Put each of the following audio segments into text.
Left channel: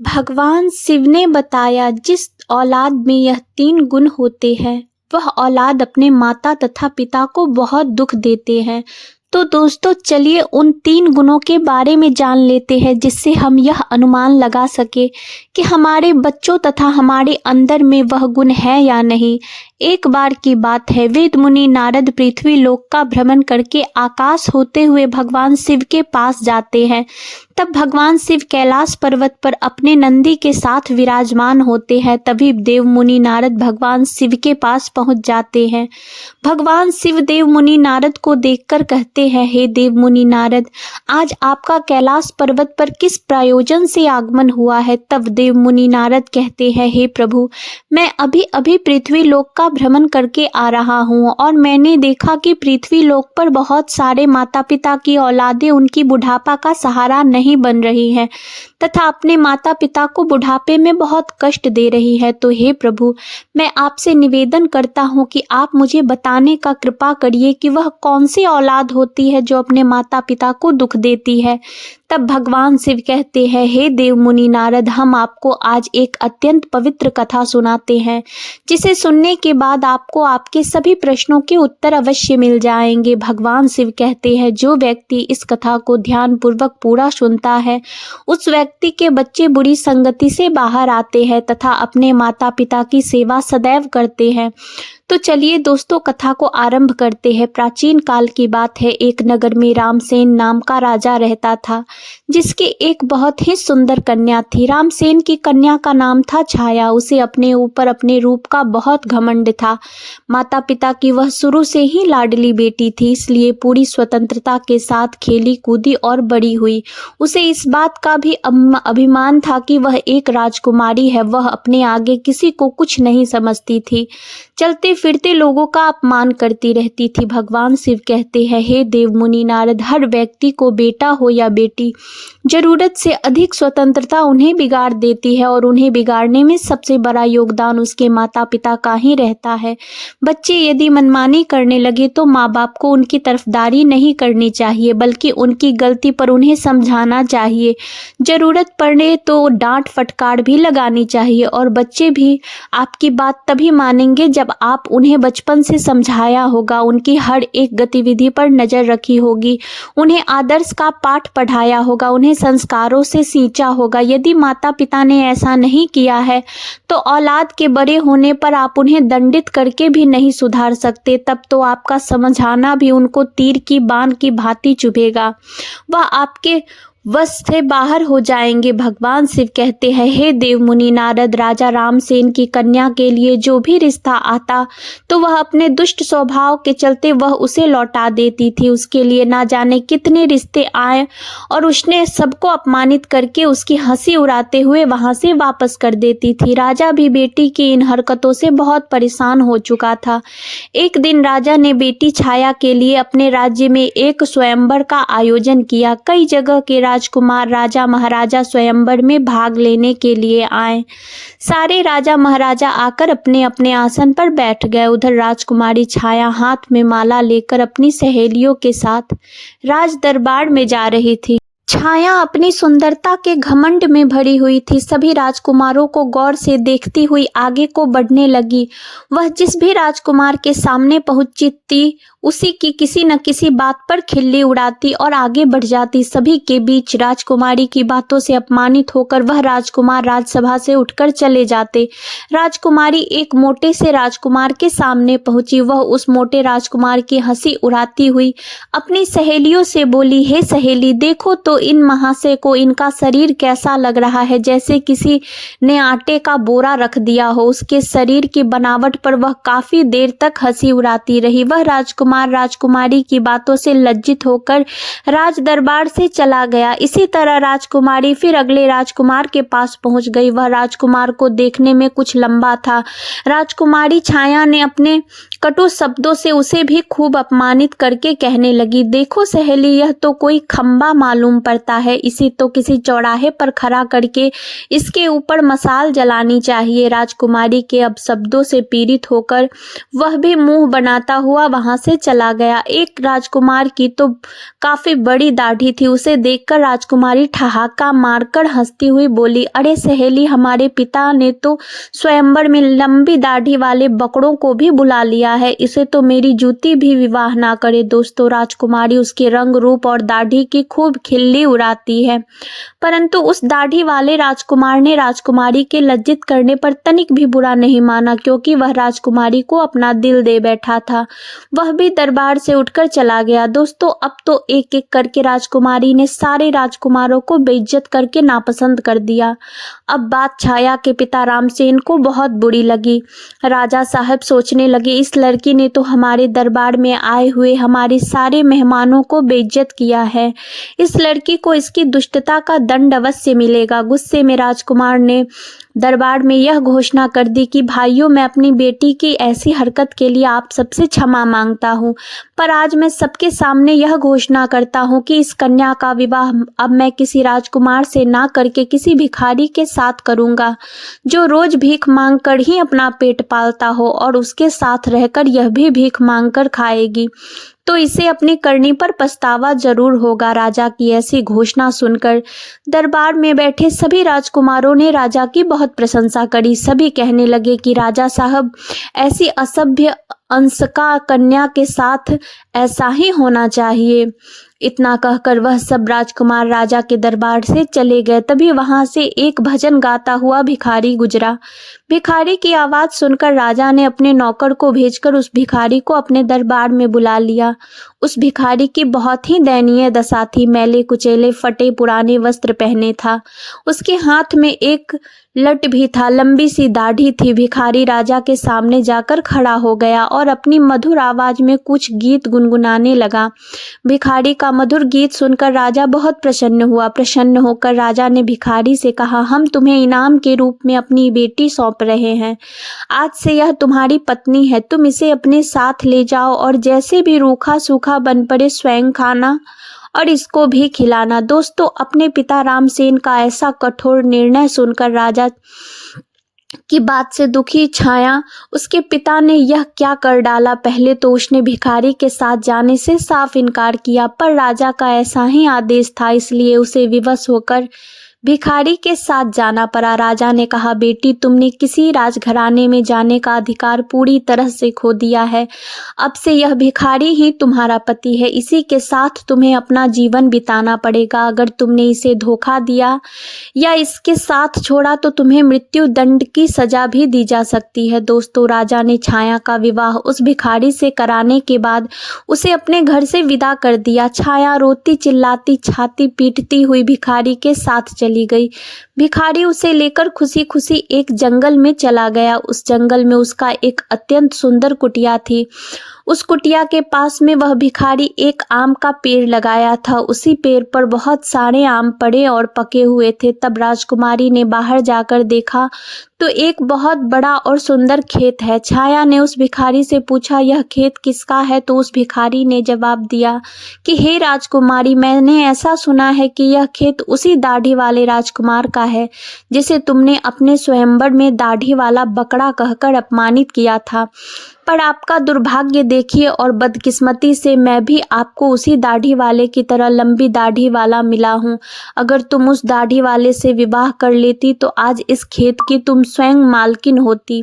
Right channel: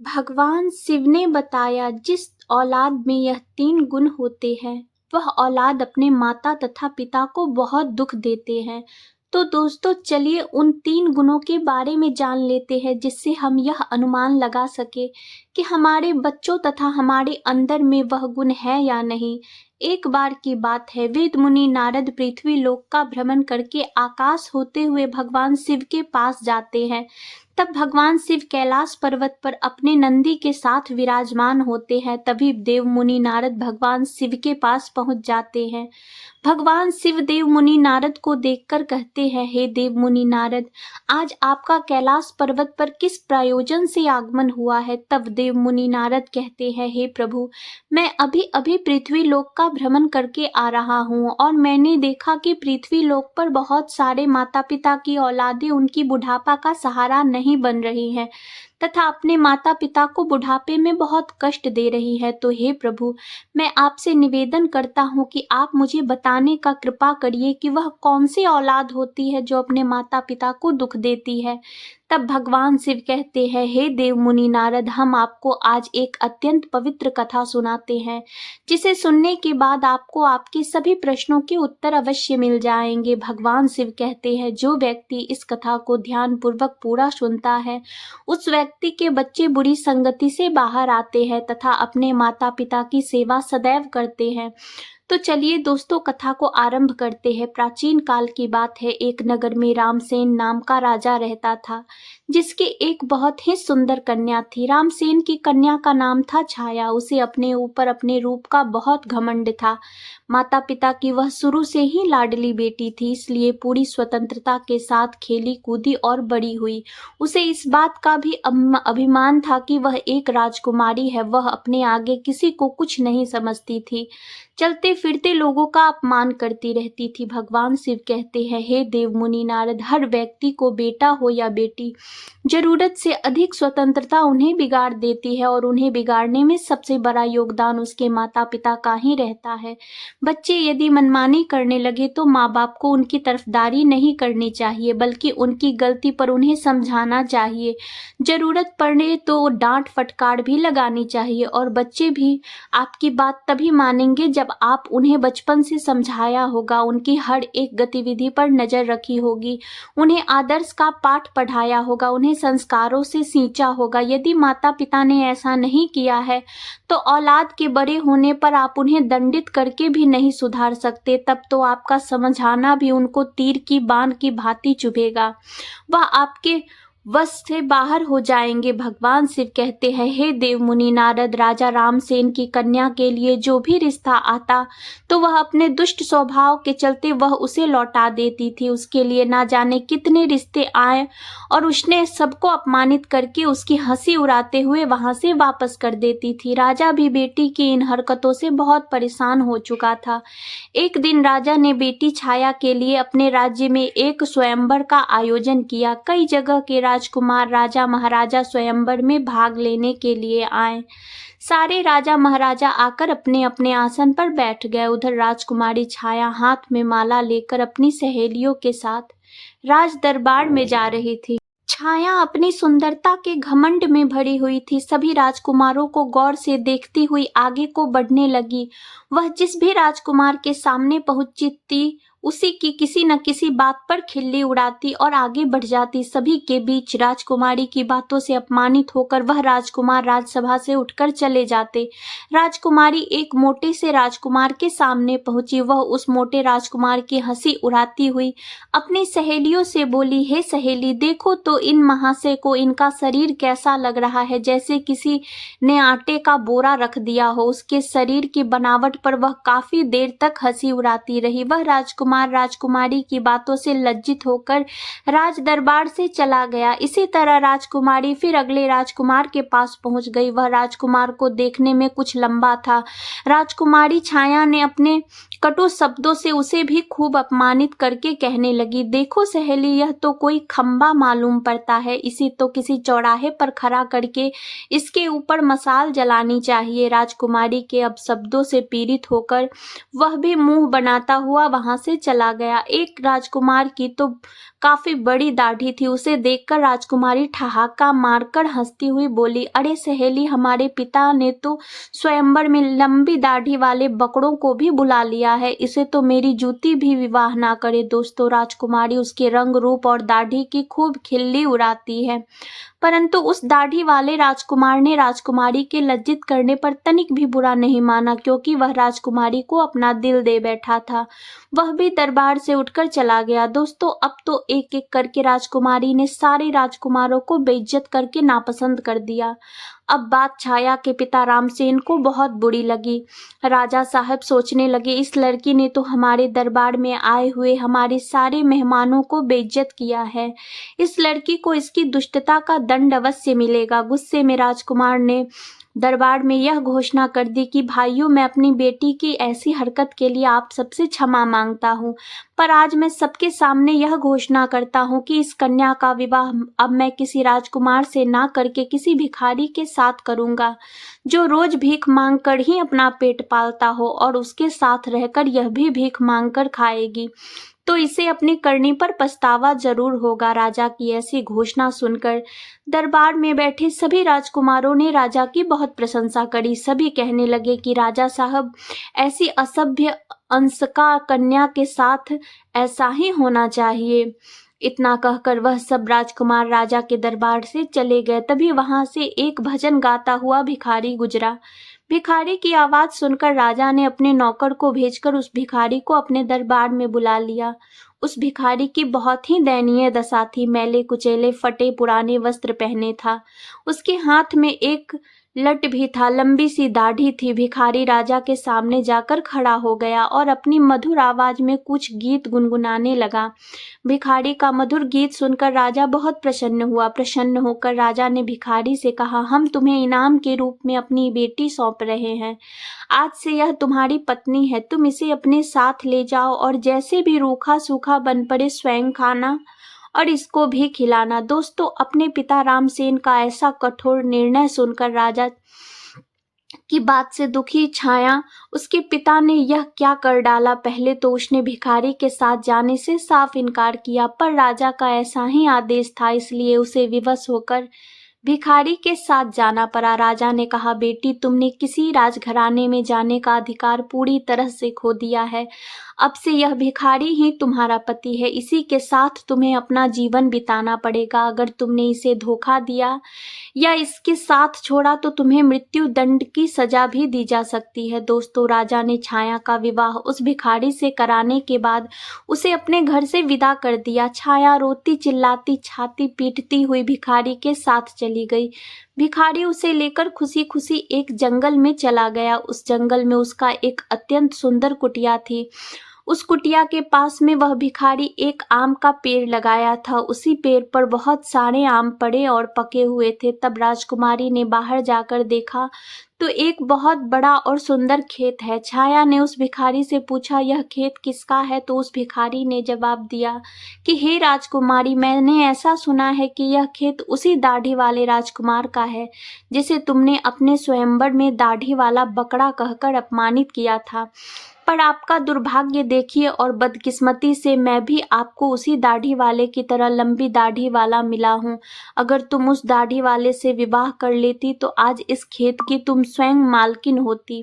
भगवान शिव ने बताया जिस औलाद में यह तीन गुण होते हैं वह औलाद अपने माता तथा पिता को बहुत दुख देते हैं। तो दोस्तों चलिए उन तीन गुणों के बारे में जान लेते हैं जिससे हम यह अनुमान लगा सके कि हमारे बच्चों तथा हमारे अंदर में वह गुण है या नहीं। एक बार की बात है, वेद मुनि नारद पृथ्वी लोक का भ्रमण करके आकाश होते हुए भगवान शिव के पास जाते हैं। तब भगवान शिव कैलाश पर्वत पर अपने नंदी के साथ विराजमान होते हैं। तभी देव मुनि नारद भगवान शिव के पास पहुंच जाते हैं। भगवान शिव देव मुनि नारद को देखकर कहते हैं, हे देव मुनि नारद, आज आपका कैलाश पर्वत पर किस प्रयोजन से आगमन हुआ है। तब देव मुनि नारद कहते हैं, हे प्रभु, मैं अभी अभी पृथ्वी लोक का भ्रमण करके आ रहा हूँ और मैंने देखा कि पृथ्वी लोक पर बहुत सारे माता पिता की औलादें उनकी बुढ़ापा का सहारा नहीं बन रही हैं तथा अपने माता पिता को बुढ़ापे में बहुत कष्ट दे रही है। तो हे प्रभु, मैं आपसे निवेदन करता हूँ कि आप मुझे बताने का कृपा करिए कि वह कौन सी औलाद होती है जो अपने माता पिता को दुख देती है। तब भगवान शिव कहते हैं, हे देव मुनि नारद, हम आपको आज एक अत्यंत पवित्र कथा सुनाते हैं जिसे सुनने के बाद आपको आपके सभी प्रश्नों के उत्तर अवश्य मिल जाएंगे। भगवान शिव कहते हैं, जो व्यक्ति इस कथा को ध्यान पूर्वक पूरा सुनता है उस व्यक्ति के बच्चे बुरी संगति से बाहर आते हैं तथा अपने माता पिता की सेवा सदैव करते हैं। तो चलिए दोस्तों कथा को आरंभ करते हैं। प्राचीन काल की बात है, एक नगर में रामसेन नाम का राजा रहता था जिसकी एक बहुत ही सुंदर कन्या थी। रामसेन की कन्या का नाम था छाया। उसे अपने ऊपर अपने रूप का बहुत घमंड था। माता पिता की वह शुरू से ही लाडली बेटी थी, इसलिए पूरी स्वतंत्रता के साथ खेली कूदी और बड़ी हुई। उसे इस बात का भी अभिमान था कि वह एक राजकुमारी है। वह अपने आगे किसी को कुछ नहीं समझती थी, चलते फिरते लोगों का अपमान करती रहती थी। भगवान शिव कहते हैं, हे देव मुनि नारद, हर व्यक्ति को बेटा हो या बेटी, जरूरत से अधिक स्वतंत्रता उन्हें बिगाड़ देती है और उन्हें बिगाड़ने में सबसे बड़ा योगदान उसके माता पिता का ही रहता है। बच्चे यदि मनमानी करने लगे तो माँ बाप को उनकी तरफदारी नहीं करनी चाहिए, बल्कि उनकी गलती पर उन्हें समझाना चाहिए। जरूरत पड़े तो डांट फटकार भी लगानी चाहिए और बच्चे भी आपकी बात तभी मानेंगे जब आप उन्हें बचपन से समझाया होगा, उनकी हर एक गतिविधि पर नजर रखी होगी, उन्हें आदर्श का पाठ पढ़ाया होगा, उन्हें संस्कारों से सींचा होगा। यदि माता पिता ने ऐसा नहीं किया है तो औलाद के बड़े होने पर आप उन्हें दंडित करके भी नहीं सुधार सकते। तब तो आपका समझाना भी उनको तीर की बाण की भांति चुभेगा, वह आपके वश से बाहर हो जाएंगे। भगवान शिव कहते हैं, हे देव मुनि नारद, राजा रामसेन की कन्या के लिए जो भी रिश्ता आता तो वह अपने दुष्ट स्वभाव के चलते वह उसे लौटा देती थी। उसके लिए ना जाने कितने रिश्ते आए और उसने सबको अपमानित करके उसकी हंसी उड़ाते हुए वहां से वापस कर देती थी। राजा भी बेटी की इन हरकतों से बहुत परेशान हो चुका था। एक दिन राजा ने बेटी छाया के लिए अपने राज्य में एक स्वयंवर का आयोजन किया। कई जगह के राजकुमार राजा महाराजा स्वयंवर में भाग लेने के लिए आए। सारे राजा महाराजा आकर अपने अपने आसन पर बैठ गए। उधर राजकुमारी छाया हाथ में माला लेकर अपनी सहेलियों के साथ राज दरबार में जा रही थी। छाया अपनी सुंदरता के घमंड में भरी हुई थी। सभी राजकुमारों को गौर से देखती हुई आगे को बढ़ने लगी। वह जिस भी राजकुमार के सामने पहुंची थी उसी की किसी न किसी बात पर खिल्ली उड़ाती और आगे बढ़ जाती। सभी के बीच राजकुमारी की बातों से अपमानित होकर वह राजकुमार राजसभा से उठकर चले जाते। राजकुमारी एक मोटे से राजकुमार के सामने पहुंची। वह उस मोटे राजकुमार की हंसी उड़ाती हुई अपनी सहेलियों से बोली, हे सहेली, देखो तो इन महाशय को, इनका शरीर कैसा लग रहा है, जैसे किसी ने आटे का बोरा रख दिया हो। उसके शरीर की बनावट पर वह काफी देर तक हंसी उड़ाती रही। वह राजकुमार राजकुमारी की बातों से लज्जित होकर राज दरबार से चला गया। इसी तरह राजकुमारी फिर अगले राजकुमार के पास पहुंच गई। वह राजकुमार को देखने में कुछ लंबा था। राजकुमारी छाया ने अपने कटु शब्दों से उसे भी खूब अपमानित करके कहने लगी, देखो सहेली, यह तो कोई खंबा मालूम पड़ता है, इसे तो किसी चौराहे पर खड़ा करके इसके ऊपर मसाल जलानी चाहिए। राजकुमारी के अब शब्दों से पीड़ित होकर वह भी मुंह बनाता हुआ वहां से चला गया। एक राजकुमार की तो काफी बड़ी दाढ़ी थी, उसे देखकर राजकुमारी ठहाका मारकर हंसती हुई बोली, अरे सहेली, हमारे पिता ने तो स्वयंवर में लंबी दाढ़ी वाले बकरों को भी बुला लिया है, इसे तो मेरी जूती भी विवाह ना करे। दोस्तों, राजकुमारी उसके रंग रूप और दाढ़ी की खूब खिल्ली उड़ाती है, परंतु उस दाढ़ी वाले राजकुमार ने राजकुमारी के लज्जित करने पर तनिक भी बुरा नहीं माना, क्योंकि वह राजकुमारी को अपना दिल दे बैठा था। वह भी दरबार से उठकर चला गया। दोस्तों, अब तो एक एक करके राजकुमारी ने सारे राजकुमारों को बेइज्जत करके नापसंद कर दिया। अब बात छाया के पिता रामसेन को बहुत बुरी लगी। राजा साहब सोचने लगे, इस लड़की ने तो हमारे दरबार में आए हुए हमारे सारे मेहमानों को बेइज्जत किया है। इस लड़की को इसकी दुष्टता का दंड अवश्य मिलेगा। गुस्से में राजकुमार ने दरबार में यह घोषणा कर दी कि भाइयों, मैं अपनी बेटी की ऐसी हरकत के लिए आप सबसे क्षमा मांगता हूँ, पर आज मैं सबके सामने यह घोषणा करता हूँ कि इस कन्या का विवाह अब मैं किसी राजकुमार से ना करके किसी भिखारी के साथ करूँगा, जो रोज भीख मांग कर ही अपना पेट पालता हो और उसके साथ रहकर यह भी भीख मांग कर खाएगी, तो इसे अपनी करनी पर पछतावा जरूर होगा। राजा की ऐसी घोषणा सुनकर दरबार में बैठे सभी राजकुमारों ने राजा की बहुत प्रशंसा करी। सभी कहने लगे कि राजा साहब, ऐसी असभ्य अंशका कन्या के साथ ऐसा ही होना चाहिए। इतना कहकर वह सब राजकुमार राजा के दरबार से चले गए। तभी वहां से एक भजन गाता हुआ भिखारी गुजरा। भिखारी की आवाज सुनकर राजा ने अपने नौकर को भेजकर उस भिखारी को अपने दरबार में बुला लिया। उस भिखारी की बहुत ही दयनीय दशा थी। मैले कुचेले फटे पुराने वस्त्र पहने था, उसके हाथ में एक लट भी था, लंबी सी दाढ़ी थी। भिखारी राजा के सामने जाकर खड़ा हो गया और अपनी मधुर आवाज में कुछ गीत गुनगुनाने लगा। भिखारी का मधुर गीत सुनकर राजा बहुत प्रसन्न हुआ। प्रसन्न होकर राजा ने भिखारी से कहा, हम तुम्हें इनाम के रूप में अपनी बेटी सौंप रहे हैं। आज से यह तुम्हारी पत्नी है, तुम इसे अपने साथ ले जाओ और जैसे भी रूखा सूखा बन पड़े स्वयं खाना और इसको भी खिलाना। दोस्तों, अपने पिता रामसेन का ऐसा कठोर निर्णय सुनकर राजा की बात से दुखी छाया उसके पिता ने यह क्या कर डाला। पहले तो उसने भिखारी के साथ जाने से साफ इनकार किया, पर राजा का ऐसा ही आदेश था, इसलिए उसे विवश होकर भिखारी के साथ जाना पड़ा। राजा ने कहा, बेटी, तुमने किसी राजघराने में जाने का अधिकार पूरी तरह से खो दिया है। अब से यह भिखारी ही तुम्हारा पति है, इसी के साथ तुम्हें अपना जीवन बिताना पड़ेगा। अगर तुमने इसे धोखा दिया या इसके साथ छोड़ा तो तुम्हें मृत्यु दंड की सजा भी दी जा सकती है। दोस्तों, राजा ने छाया का विवाह उस भिखारी से कराने के बाद उसे अपने घर से विदा कर दिया। छाया रोती चिल्लाती छाती पीटती हुई भिखारी के साथ चली गई। भिखारी उसे लेकर खुशी खुशी एक जंगल में चला गया। उस जंगल में उसका एक अत्यंत सुंदर कुटिया थी। उस कुटिया के पास में वह भिखारी एक आम का पेड़ लगाया था। उसी पेड़ पर बहुत सारे आम पड़े और पके हुए थे। तब राजकुमारी ने बाहर जाकर देखा तो एक बहुत बड़ा और सुंदर खेत है। छाया ने उस भिखारी से पूछा, यह खेत किसका है? तो उस भिखारी ने जवाब दिया कि हे राजकुमारी, मैंने ऐसा सुना है कि यह खेत उसी दाढ़ी वाले राजकुमार का है जिसे तुमने अपने स्वयंवर में दाढ़ी वाला बकरा कहकर अपमानित किया था। पर आपका दुर्भाग्य देखिए और बदकिस्मती से मैं भी आपको उसी दाढ़ी वाले की तरह लंबी दाढ़ी वाला मिला हूँ। अगर तुम उस दाढ़ी वाले से विवाह कर लेती तो आज इस खेत की तुम स्वयं मालकिन होती,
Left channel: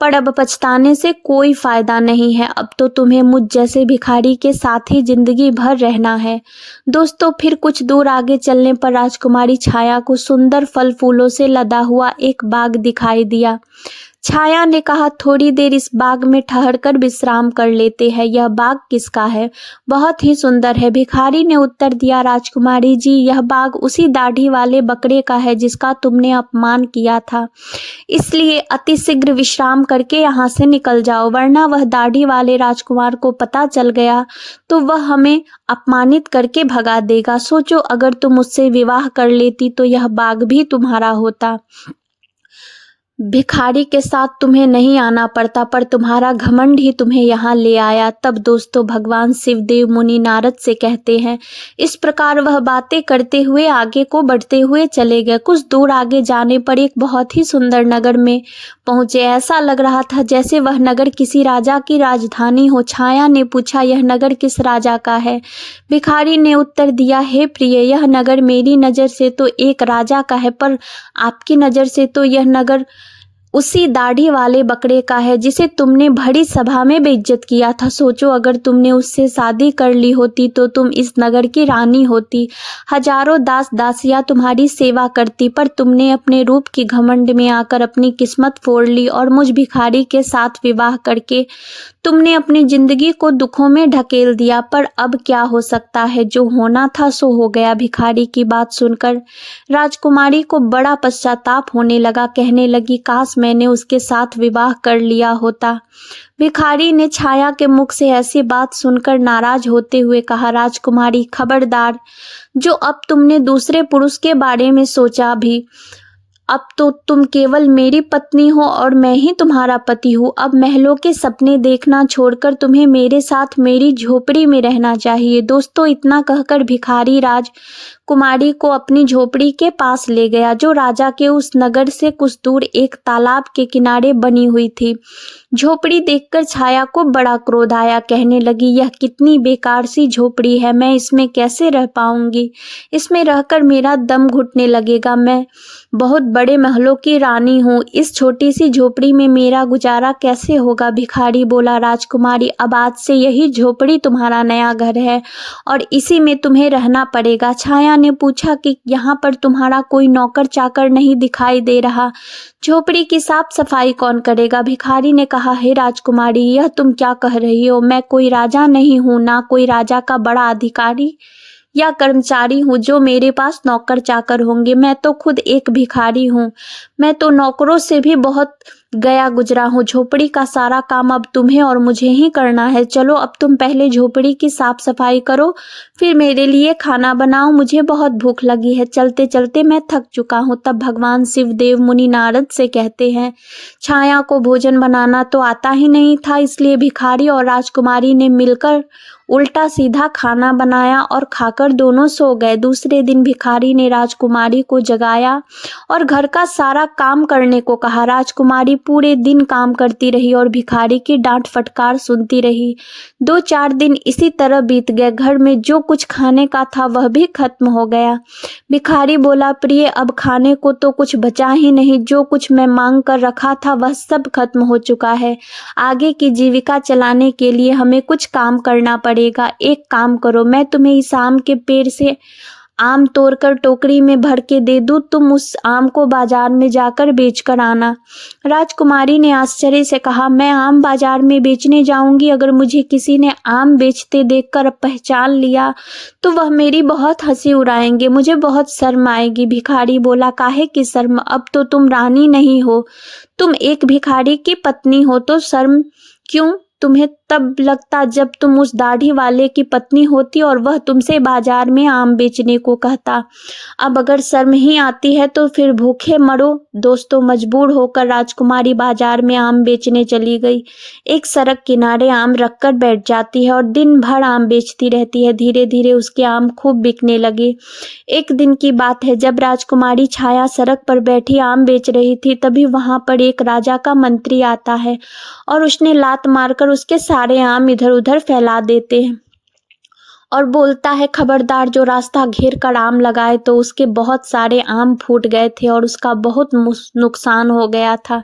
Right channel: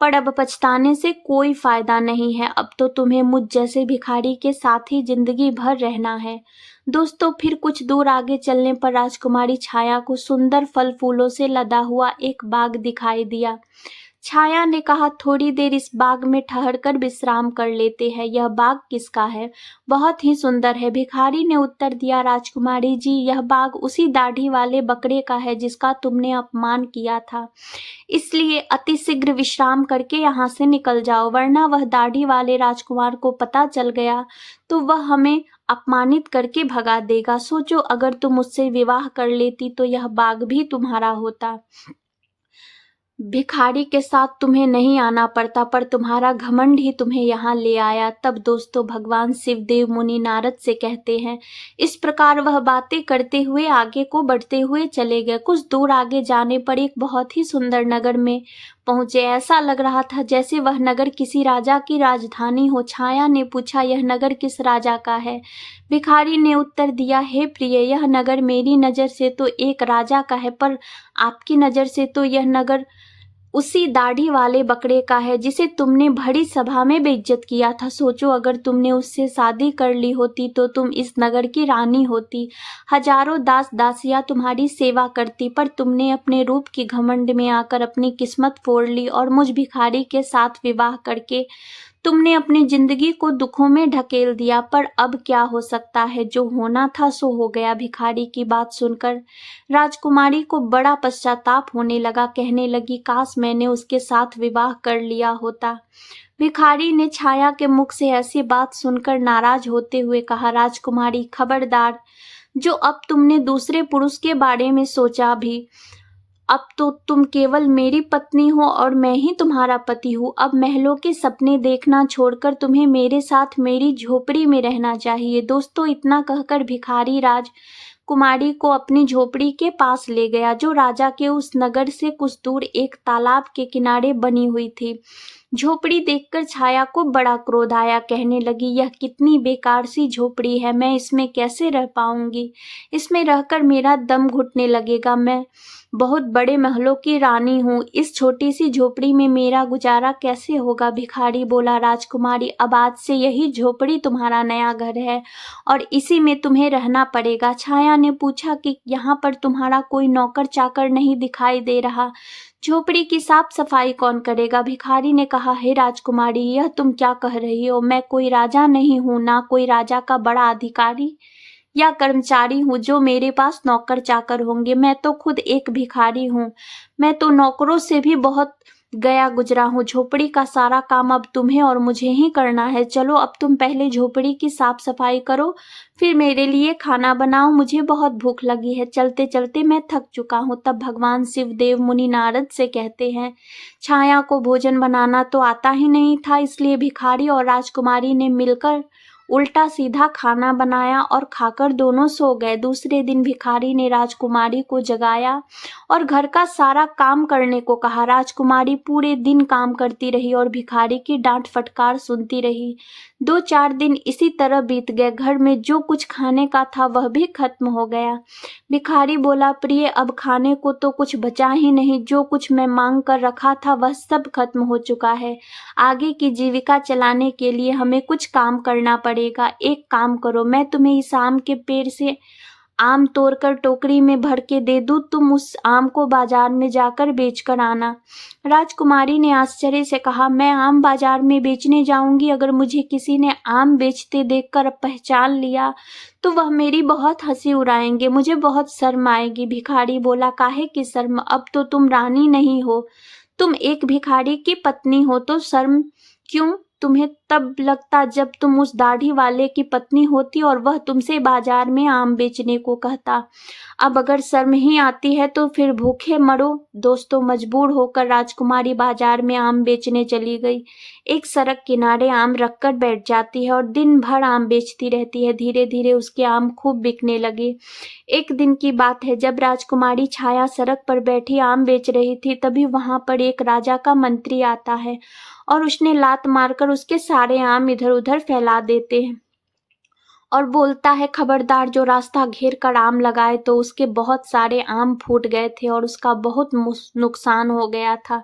पर अब पछताने से कोई फायदा नहीं है। अब तो तुम्हें मुझ जैसे भिखारी के साथ ही जिंदगी भर रहना है। दोस्तों, फिर कुछ दूर आगे चलने पर राजकुमारी छाया को सुंदर फल फूलों से लदा हुआ एक बाग दिखाई दिया। छाया ने कहा, थोड़ी देर इस बाग में ठहरकर विश्राम कर लेते हैं। यह बाग किसका है? बहुत ही सुंदर है। भिखारी ने उत्तर दिया, राजकुमारी जी, यह बाग उसी दाढ़ी वाले बकरे का है जिसका तुमने अपमान किया था, इसलिए अतिशीघ्र विश्राम करके यहाँ से निकल जाओ, वरना वह दाढ़ी वाले राजकुमार को पता चल गया तो वह हमें अपमानित करके भगा देगा। सोचो, अगर तुम उससे विवाह कर लेती तो यह बाग भी तुम्हारा होता। भिखारी के साथ तुम्हें नहीं आना पड़ता, पर तुम्हारा घमंड ही तुम्हें यहाँ ले आया। तब दोस्तों भगवान शिवदेव मुनि नारद से कहते हैं। इस प्रकार वह बातें करते हुए आगे को बढ़ते हुए चले गए। कुछ दूर आगे जाने पर एक बहुत ही सुंदर नगर में पहुंचे। ऐसा लग रहा था जैसे वह नगर किसी राजा की राजधानी हो। छाया ने पूछा, यह नगर किस राजा का है? भिखारी ने उत्तर दिया, हे प्रिय, यह नगर मेरी नज़र से तो एक राजा का है, पर आपकी नज़र से तो यह नगर उसी दाढ़ी वाले बकरे का है जिसे तुमने बड़ी सभा में बेइज्जत किया था। सोचो, अगर तुमने उससे शादी कर ली होती तो तुम इस नगर की रानी होती। हजारों दास दासियां तुम्हारी सेवा करती, पर तुमने अपने रूप की घमंड में आकर अपनी किस्मत फोड़ ली और मुझ भिखारी के साथ विवाह करके तुमने अपनी जिंदगी को दुखों में ढकेल दिया। पर अब क्या हो सकता है, जो होना था सो हो गया। भिखारी की बात सुनकर राजकुमारी को बड़ा पश्चाताप होने लगा। कहने लगी, काश मैंने उसके साथ विवाह कर लिया होता। भिखारी ने छाया के मुख से ऐसी बात सुनकर नाराज होते हुए कहा, राजकुमारी खबरदार, जो अब तुमने दूसरे पुरुष के बारे में सोचा भी, अब तो तुम केवल मेरी पत्नी हो और मैं ही तुम्हारा पति हूँ। अब महलों के सपने देखना छोड़कर तुम्हें मेरे साथ मेरी झोपड़ी में रहना चाहिए। दोस्तों, इतना कहकर भिखारी राजकुमारी को अपनी झोपड़ी के पास ले गया, जो राजा के उस नगर से कुछ दूर एक तालाब के किनारे बनी हुई थी। झोपड़ी देखकर छाया को बड़ा क्रोध आया। कहने लगी, यह कितनी बेकार सी झोपड़ी है, मैं इसमें कैसे रह पाऊंगी? इसमें रहकर मेरा दम घुटने लगेगा। मैं बहुत बड़े महलों की रानी हूँ, इस छोटी सी झोपड़ी में मेरा गुजारा कैसे होगा? भिखारी बोला, राजकुमारी, अब आज से यही झोपड़ी तुम्हारा नया घर है और इसी में तुम्हें रहना पड़ेगा। छाया ने पूछा कि यहाँ पर तुम्हारा कोई नौकर चाकर नहीं दिखाई दे रहा? झोपड़ी की साफ सफाई कौन करेगा? भिखारी ने कहा, हे राजकुमारी, यह तुम क्या कह रही हो? मैं कोई राजा नहीं हूँ, ना कोई राजा का बड़ा अधिकारी या कर्मचारी हूँ जो मेरे पास नौकर चाकर होंगे। मैं तो खुद एक भिखारी हूँ। मैं तो नौकरों से भी बहुत गया गुजरा हूँ। झोपड़ी का सारा काम अब तुम्हें और मुझे ही करना है। चलो, अब तुम पहले झोपड़ी की साफ सफाई करो, फिर मेरे लिए खाना बनाओ, मुझे बहुत भूख लगी है। चलते चलते मैं थक चुका हूँ। तब भगवान शिवदेव मुनि नारद से कहते हैं, छाया को भोजन बनाना तो आता ही नहीं था, इसलिए भिखारी और राजकुमारी ने मिलकर उल्टा सीधा खाना बनाया और खाकर दोनों सो गए। दूसरे दिन भिखारी ने राजकुमारी को जगाया और घर का सारा काम करने को कहा। राजकुमारी पूरे दिन काम करती रही और भिखारी की डांट फटकार सुनती रही। 2-4 दिन इसी तरह बीत गए। घर में जो कुछ खाने का था वह भी खत्म हो गया। भिखारी बोला, प्रिय, अब खाने को तो कुछ बचा ही नहीं। जो कुछ मैं मांग कर रखा था वह सब खत्म हो चुका है। आगे की जीविका चलाने के लिए हमें कुछ काम करना पड़ेगा। एक काम करो, मैं तुम्हें इस आम के पेड़ से आम तोड़कर टोकरी में भर के दे दूं, तुम उस आम को बाजार में जाकर बेचकर आना। राजकुमारी ने आश्चर्य से कहा, मैं आम बाजार में बेचने जाऊंगी? अगर मुझे किसी ने आम बेचते देखकर पहचान लिया तो वह मेरी बहुत हंसी उड़ाएंगे, मुझे बहुत शर्म आएगी। भिखारी बोला, काहे की शर्म? अब तो तुम रानी नहीं हो, तुम एक भिखारी की पत्नी हो, तो शर्म क्यों? तुम्हें तब लगता जब तुम उस दाढ़ी वाले की पत्नी होती और वह तुमसे बाजार में आम बेचने को कहता। अब अगर शर्म ही आती है तो फिर भूखे मरो। दोस्तों, मजबूर होकर राजकुमारी बाजार में आम बेचने चली गई। एक सड़क किनारे आम रखकर बैठ जाती है और दिन भर आम बेचती रहती है। धीरे धीरे उसके आम खूब बिकने लगे। एक दिन की बात है, जब राजकुमारी छाया सड़क पर बैठी आम बेच रही थी, तभी वहां पर एक राजा का मंत्री आता है और उसने लात मारकर उसके सारे आम इधर उधर फैला देते हैं और बोलता है, खबरदार, जो रास्ता घेर कर आम लगाए। तो उसके बहुत सारे आम फूट गए थे और उसका बहुत नुकसान हो गया था।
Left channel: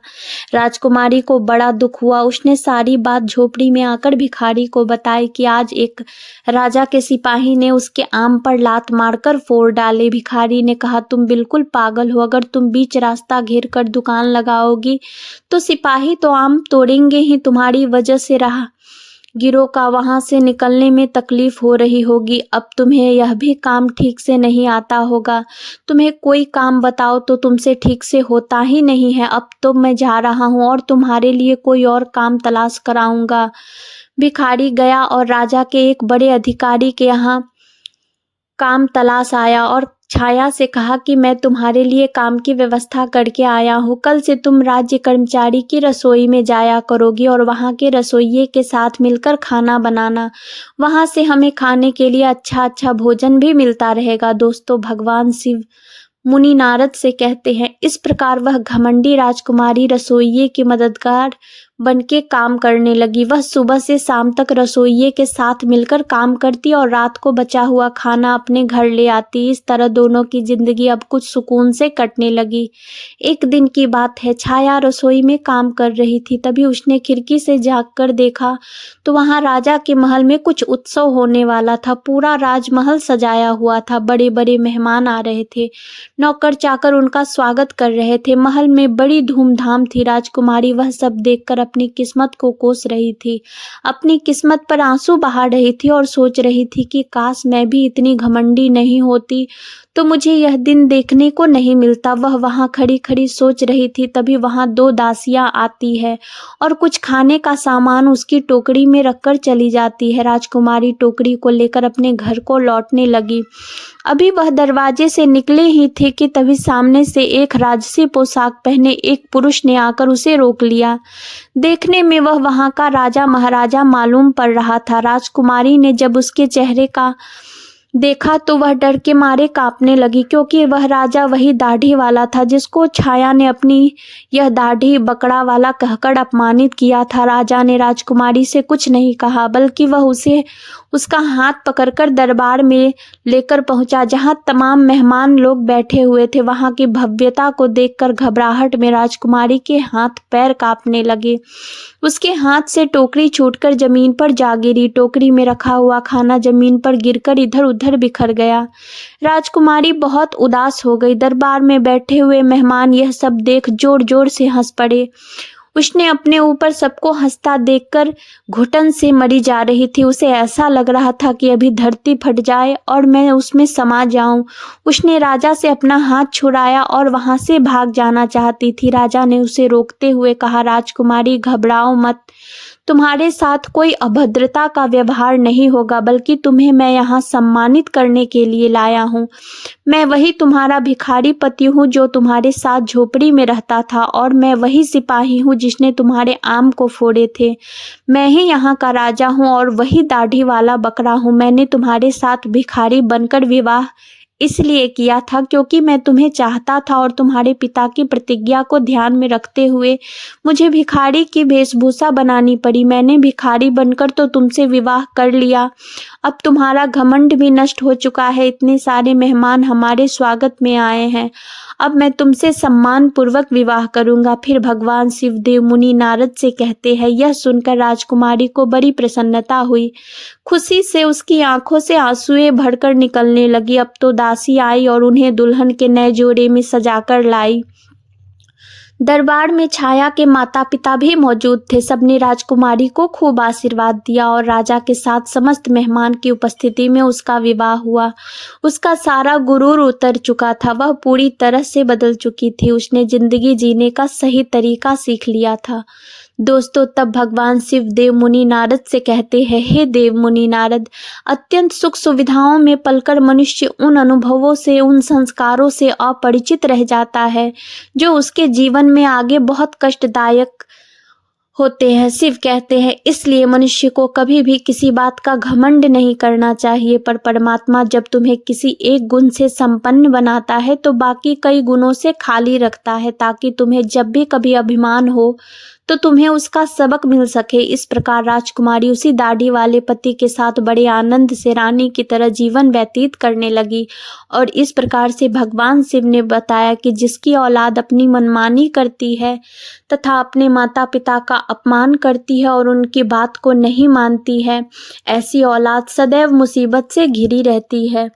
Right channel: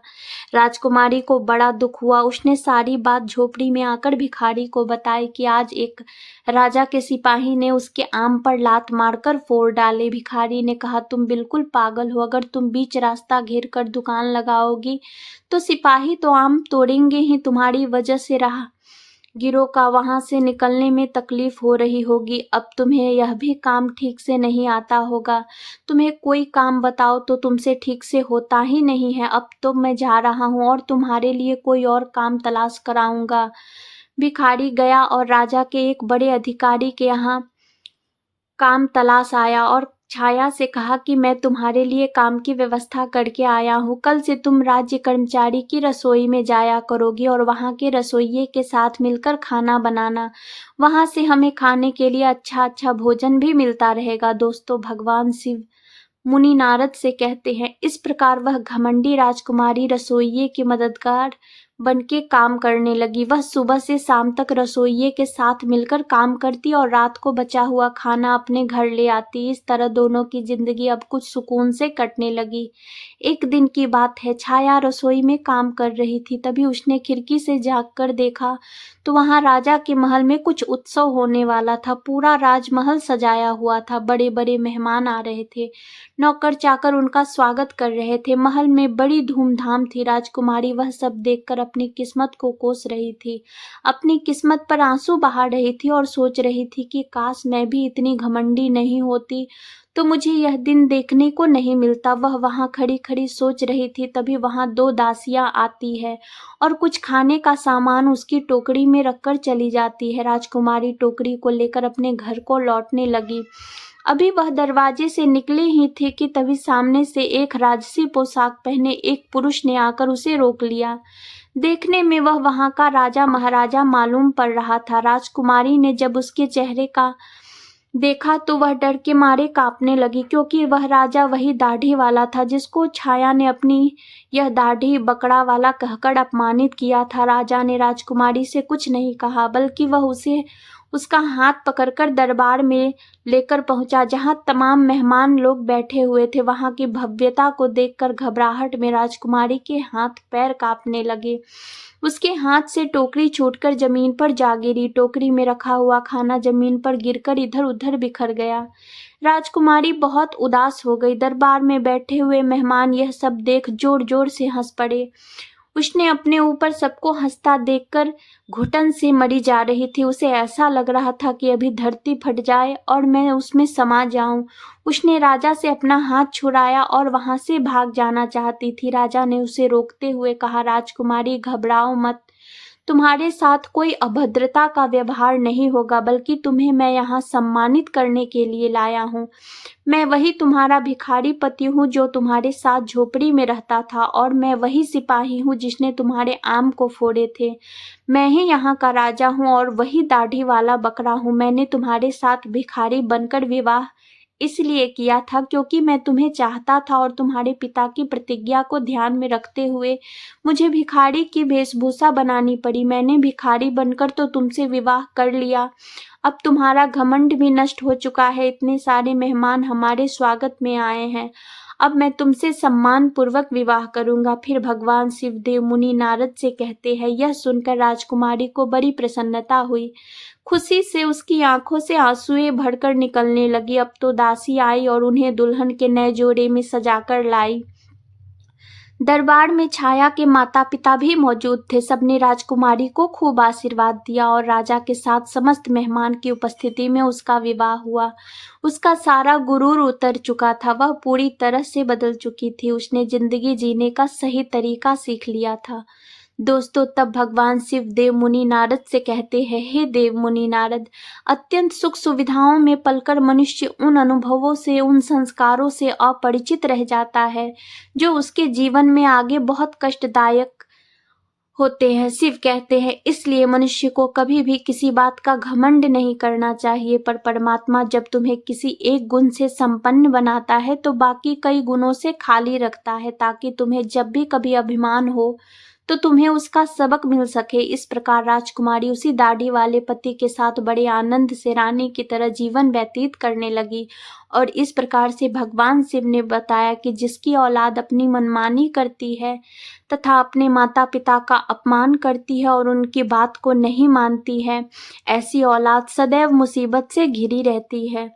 राजकुमारी को बड़ा दुख हुआ। उसने सारी बात झोपड़ी में आकर भिखारी को बताई कि आज एक राजा के सिपाही ने उसके आम पर लात मारकर फोड़ डाले। भिखारी ने कहा, तुम बिल्कुल पागल हो। अगर तुम बीच रास्ता घेर कर दुकान लगाओगी तो सिपाही तो आम तोड़ेंगे ही। तुम्हारी वजह से गिरोह का वहां से निकलने में तकलीफ हो रही होगी। अब तुम्हें यह भी काम ठीक से नहीं आता होगा। तुम्हें कोई काम बताओ तो तुमसे ठीक से होता ही नहीं है। अब तो मैं जा रहा हूँ और तुम्हारे लिए कोई और काम तलाश कराऊंगा। भिखारी गया और राजा के एक बड़े अधिकारी के यहाँ काम तलाश आया और छाया से कहा कि मैं तुम्हारे लिए काम की व्यवस्था करके आया हूँ। कल से तुम राज्य कर्मचारी की रसोई में जाया करोगी और वहाँ के रसोइये के साथ मिलकर खाना बनाना। वहाँ से हमें खाने के लिए अच्छा अच्छा भोजन भी मिलता रहेगा। दोस्तों, भगवान शिव मुनि नारद से कहते हैं, इस प्रकार वह घमंडी राजकुमारी रसोइये की मददगार बनके काम करने लगी। वह सुबह से शाम तक रसोइये के साथ मिलकर काम करती और रात को बचा हुआ खाना अपने घर ले आती। इस तरह दोनों की जिंदगी अब कुछ सुकून से कटने लगी। एक दिन की बात है, छाया रसोई में काम कर रही थी। तभी उसने खिड़की से झांक कर देखा तो वहां राजा के महल में कुछ उत्सव होने वाला था। पूरा राजमहल सजाया हुआ था। बड़े बड़े मेहमान आ रहे थे। नौकर चाकर उनका स्वागत कर रहे थे। महल में बड़ी धूमधाम थी। राजकुमारी वह सब देखकर अपनी किस्मत को कोस रही थी। अपनी किस्मत पर आंसू बहा रही थी और सोच रही थी कि काश मैं भी इतनी घमंडी नहीं होती तो मुझे यह दिन देखने को नहीं मिलता। वह वहां खड़ी खड़ी सोच रही थी, तभी वहां दो दासियां आती है और कुछ खाने का सामान उसकी टोकरी में रखकर चली जाती है। राजकुमारी टोकरी को लेकर अपने घर को लौटने लगी। अभी वह दरवाजे से निकले ही थे कि तभी सामने से एक राजसी पोशाक पहने एक पुरुष ने आकर उसे रोक लिया। देखने में वह वहां का राजा महाराजा मालूम पड़ रहा था। राजकुमारी ने जब उसके चेहरे का देखा तो वह डर के मारे कांपने लगी, क्योंकि वह राजा वही दाढ़ी वाला था जिसको छाया ने अपनी यह दाढ़ी बकड़ा वाला कहकर अपमानित किया था। राजा ने राजकुमारी से कुछ नहीं कहा, बल्कि वह उसे उसका हाथ पकड़कर दरबार में लेकर पहुंचा, जहां तमाम मेहमान लोग बैठे हुए थे। वहां की भव्यता को देखकर घबराहट में राजकुमारी के हाथ पैर कांपने लगे। उसके हाथ से टोकरी छूटकर जमीन पर जा गिरी। टोकरी में रखा हुआ खाना जमीन पर गिरकर इधर उधर बिखर गया। राजकुमारी बहुत उदास हो गई। दरबार में बैठे हुए मेहमान यह सब देख जोर जोर से हंस पड़े। उसने अपने ऊपर सबको हंसता देखकर घुटन से मरी जा रही थी। उसे ऐसा लग रहा था कि अभी धरती फट जाए और मैं उसमें समा जाऊं। उसने राजा से अपना हाथ छुड़ाया और वहां से भाग जाना चाहती थी। राजा ने उसे रोकते हुए कहा, राजकुमारी घबराओ मत, तुम्हारे साथ कोई अभद्रता का व्यवहार नहीं होगा, बल्कि तुम्हें मैं यहाँ सम्मानित करने के लिए लाया हूँ। मैं वही तुम्हारा भिखारी पति हूँ जो तुम्हारे साथ झोपड़ी में रहता था, और मैं वही सिपाही हूँ जिसने तुम्हारे आम को फोड़े थे। मैं ही यहाँ का राजा हूँ और वही दाढ़ी वाला बकरा हूँ। मैंने तुम्हारे साथ भिखारी बनकर विवाह इसलिए किया था क्योंकि मैं तुम्हें चाहता था, और तुम्हारे पिता की प्रतिज्ञा को ध्यान में रखते हुए मुझे भिखारी की वेशभूषा बनानी पड़ी। मैंने भिखारी बनकर तो तुमसे विवाह कर लिया। अब तुम्हारा घमंड भी नष्ट हो चुका है। इतने सारे मेहमान हमारे स्वागत में आए हैं। अब मैं तुमसे सम्मान पूर्वक विवाह करूंगा। फिर भगवान शिवदेव मुनि नारद से कहते हैं, यह सुनकर राजकुमारी को बड़ी प्रसन्नता हुई। खुशी से उसकी आंखों से आंसुएं भरकर निकलने लगी। अब तो दासी आई और उन्हें दुल्हन के नए जोड़े में सजाकर लाई। दरबार में छाया के माता पिता भी मौजूद थे। सबने राजकुमारी को खूब आशीर्वाद दिया और राजा के साथ समस्त मेहमान की उपस्थिति में उसका विवाह हुआ। उसका सारा गुरूर उतर चुका था। वह पूरी तरह से बदल चुकी थी। उसने जिंदगी जीने का सही तरीका सीख लिया था। दोस्तों, तब भगवान शिव देव मुनि नारद से कहते हैं, हे देव मुनि नारद, अत्यंत सुख सुविधाओं में पलकर मनुष्य उन अनुभवों से, उन संस्कारों से अपरिचित रह जाता है जो उसके जीवन में आगे बहुत कष्टदायक होते हैं। शिव कहते हैं, इसलिए मनुष्य को कभी भी किसी बात का घमंड नहीं करना चाहिए, पर परमात्मा जब तुम्हें किसी एक गुण से संपन्न बनाता है तो बाकी कई गुणों से खाली रखता है, ताकि तुम्हें जब भी कभी अभिमान हो तो तुम्हें उसका सबक मिल सके। इस प्रकार राजकुमारी उसी दाढ़ी वाले पति के साथ बड़े आनंद से रानी की तरह जीवन व्यतीत करने लगी। और इस प्रकार से भगवान शिव ने बताया कि जिसकी औलाद अपनी मनमानी करती है तथा अपने माता पिता का अपमान करती है और उनकी बात को नहीं मानती है, ऐसी औलाद सदैव मुसीबत से घिरी रहती है।